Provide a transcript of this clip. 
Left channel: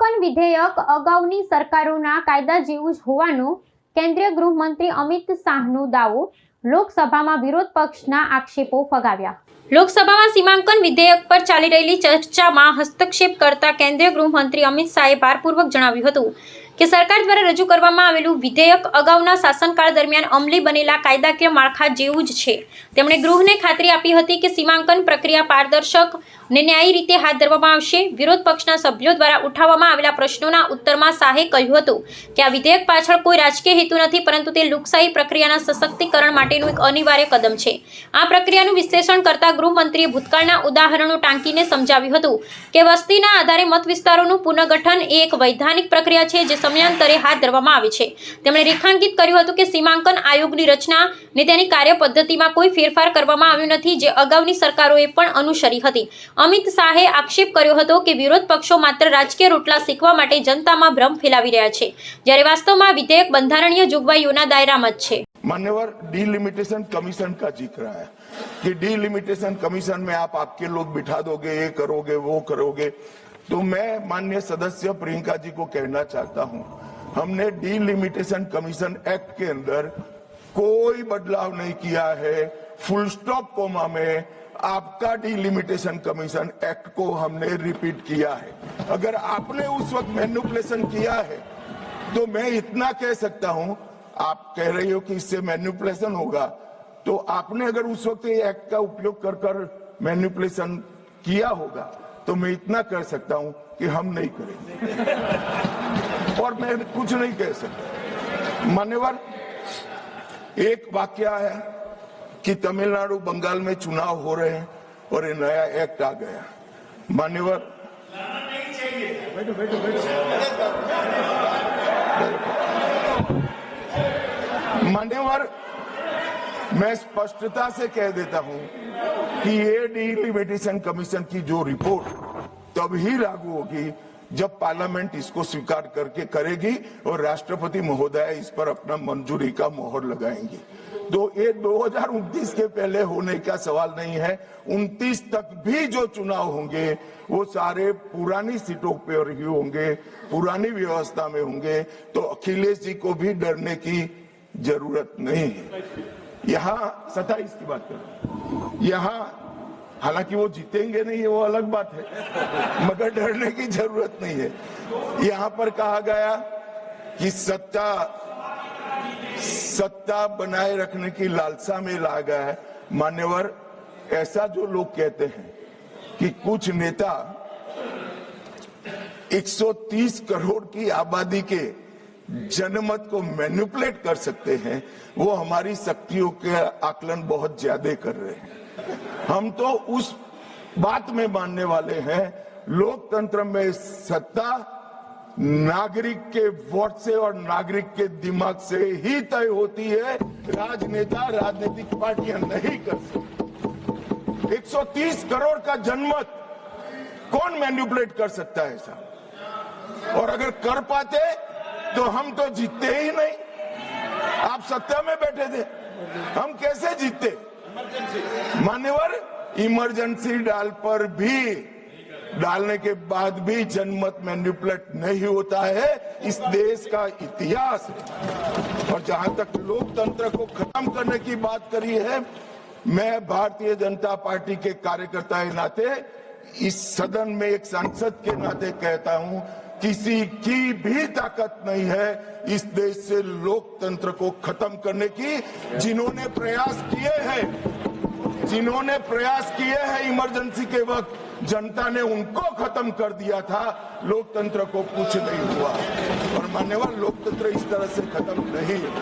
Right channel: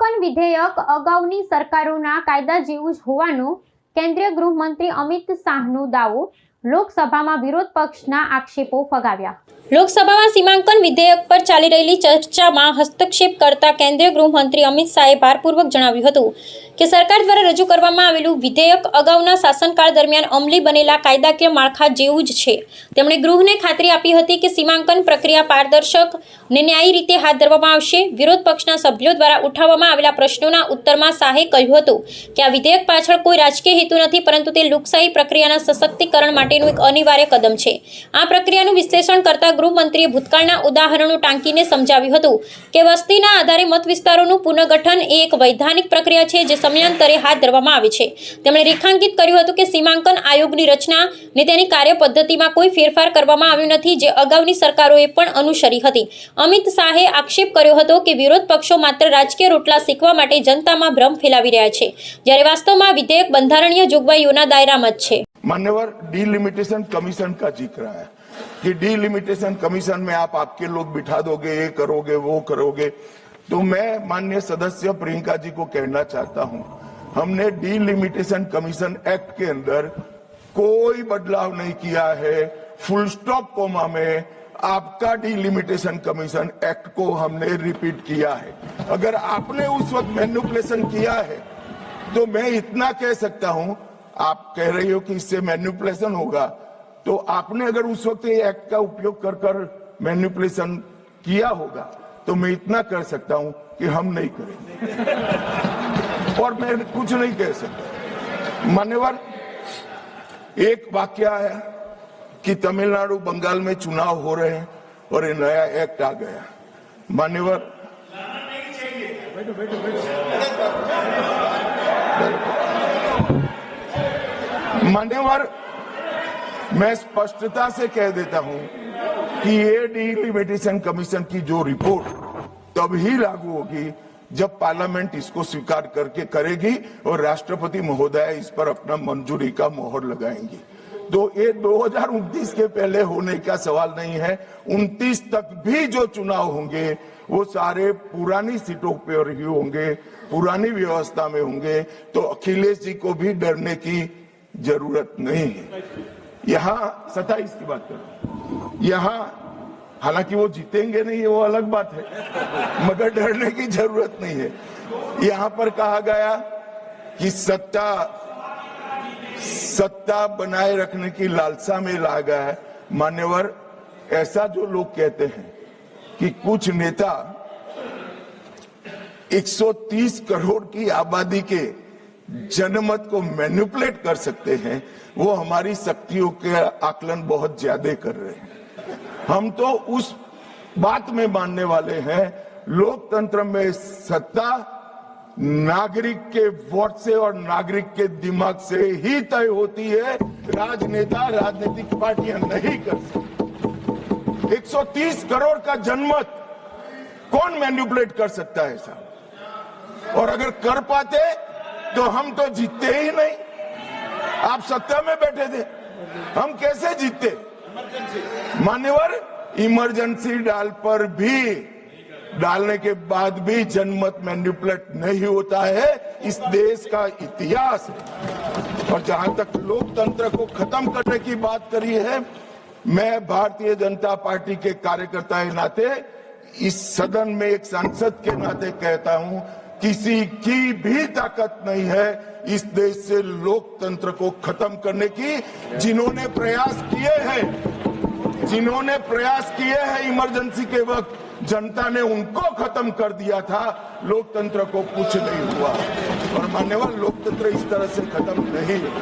सीमांकन विधेयक अगाउनी सरकारोना कायदा जेवुं ज होवानो केंद्रीय गृहमंत्री अमित शाहनो दावो। लोकसभामां विरोध पक्षना आक्षेपो फगाव्या। લોકસભામાં સીમાંકન વિધેયક પર ચાલી રહેલી ચર્ચામાં હસ્તક્ષેપ કરતા કેન્દ્રીય ગૃહમંત્રી અમિત શાહે ભારપૂર્વક જણાવ્યું હતું કે સરકાર દ્વારા રજૂ કરવામાં આવેલું વિધેયક અગાઉના શાસનકાળ દરમિયાન અમલી બનેલા કાયદાકીય માળખા જેવું જ છે। તેમણે ગૃહને ખાતરી આપી હતી કે સીમાંકન પ્રક્રિયા પારદર્શક અને ન્યાયી રીતે હાથ ધરવામાં આવશે। વિરોધ પક્ષના સભ્યો દ્વારા ઉઠાવવામાં આવેલા પ્રશ્નોના ઉત્તરમાં શાહે કહ્યું હતું કે આ વિધેયક પાછળ કોઈ રાજકીય હેતુ નથી, પરંતુ તે લોકશાહી પ્રક્રિયાના સશક્તિકરણ માટેનું એક અનિવાર્ય કદમ છે। આ પ્રક્રિયાનું વિશ્લેષણ કરતા ગૃહમંત્રીએ ભૂતકાળના ઉદાહરણો ટાંકીને સમજાવ્યું હતું કે વસ્તીના આધારે મત વિસ્તારોનું પુનર્ગઠન એ એક વૈધાનિક પ્રક્રિયા છે જે સમયાંતરે હાથ ધરવામાં આવે છે। તેમણે રેખાંકિત કર્યું હતું કે સીમાંકન આયોગની રચના ને તેની કાર્યપદ્ધતિમાં કોઈ ફેરફાર કરવામાં આવ્યો નથી, જે અગાઉની સરકારોએ પણ અનુસરી હતી। અમિત શાહે આક્ષેપ કર્યો હતો કે વિરોધ પક્ષો માત્ર રાજકીય રોટલા શીખવા માટે જનતામાં ભ્રમ ફેલાવી રહ્યા છે, જ્યારે વાસ્તવમાં વિધેયક બંધારણીય જોગવાઈઓના દાયરામાં જ છે। मान्यवर डीलिमिटेशन कमीशन का जिक्र है कि डीलिमिटेशन कमीशन में आप आपके लोग बिठा दोगे, ये करोगे, वो करोगे। तो मैं माननीय सदस्य प्रियंका जी को कहना चाहता हूं, हमने डीलिमिटेशन कमीशन एक्ट के अंदर कोई बदलाव नहीं किया है। फुल स्टॉप कोमा में आपका डीलिमिटेशन कमीशन एक्ट को हमने रिपीट किया है। अगर आपने उस वक्त मैनिपुलेशन किया है तो मैं इतना कह सकता हूं, आप कह रही हो कि इससे मैनिपुलेशन होगा, तो आपने अगर उस वक्त ये एक्ट का उपयोग कर कर मैनिपुलेशन किया होगा तो मैं इतना कर सकता हूं कि हम नहीं करेंगे और मैं कुछ नहीं कह सकता। मान्यवर, एक वाक्य है कि तमिलनाडु बंगाल में चुनाव हो रहे हैं और ये नया एक्ट आ गया। मान्यवर, मान्यवर, मैं स्पष्टता से कह देता हूं कि ये डीलिमिटेशन कमीशन की जो रिपोर्ट तभी लागू होगी जब पार्लियामेंट इसको स्वीकार करके करेगी और राष्ट्रपति महोदय इस पर अपना मंजूरी का मोहर लगाएंगी। तो ये 2029 के पहले होने का सवाल नहीं है। 29 तक भी जो चुनाव होंगे वो सारे पुरानी सीटों पर ही होंगे, पुरानी व्यवस्था में होंगे। तो अखिलेश जी को भी डरने की जरूरत नहीं है। यहाँ 27 की बात करो, यहाँ हालांकि वो जीतेंगे नहीं, वो अलग बात है, मगर डरने की जरूरत नहीं है। यहाँ पर कहा गया कि सत्ता बनाए रखने की लालसा में ला गया है। मान्यवर, ऐसा जो लोग कहते हैं कि कुछ नेता 130 करोड़ की आबादी के जनमत को मैनिपुलेट कर सकते हैं, वो हमारी शक्तियों के आकलन बहुत ज्यादा कर रहे हैं। हम तो उस बात में मानने वाले हैं, लोकतंत्र में सत्ता नागरिक के वोट से और नागरिक के दिमाग से ही तय होती है। राजनेता, राजनीतिक पार्टियां नहीं कर सकती। 130 करोड़ का जनमत कौन मैनिपुलेट कर सकता है ऐसा? और अगर कर पाते तो हम तो जीतते ही नहीं। आप सत्ता में बैठे थे, हम कैसे जीतते? मान्यवर, इमरजेंसी डालने के बाद भी जनमत मैनिपुलेट नहीं होता है। इस देश का इतिहास है। और जहां तक लोकतंत्र को खत्म करने की बात करी है, मैं भारतीय जनता पार्टी के कार्यकर्ता के नाते, इस सदन में एक सांसद के नाते कहता हूं, किसी की भी ताकत नहीं है इस देश से लोकतंत्र को खत्म करने की। जिन्होंने प्रयास किए हैं इमरजेंसी के वक्त, जनता ने उनको खत्म कर दिया था, लोकतंत्र को कुछ नहीं हुआ। और मान्यवर, लोकतंत्र इस तरह से खत्म नहीं हुआ।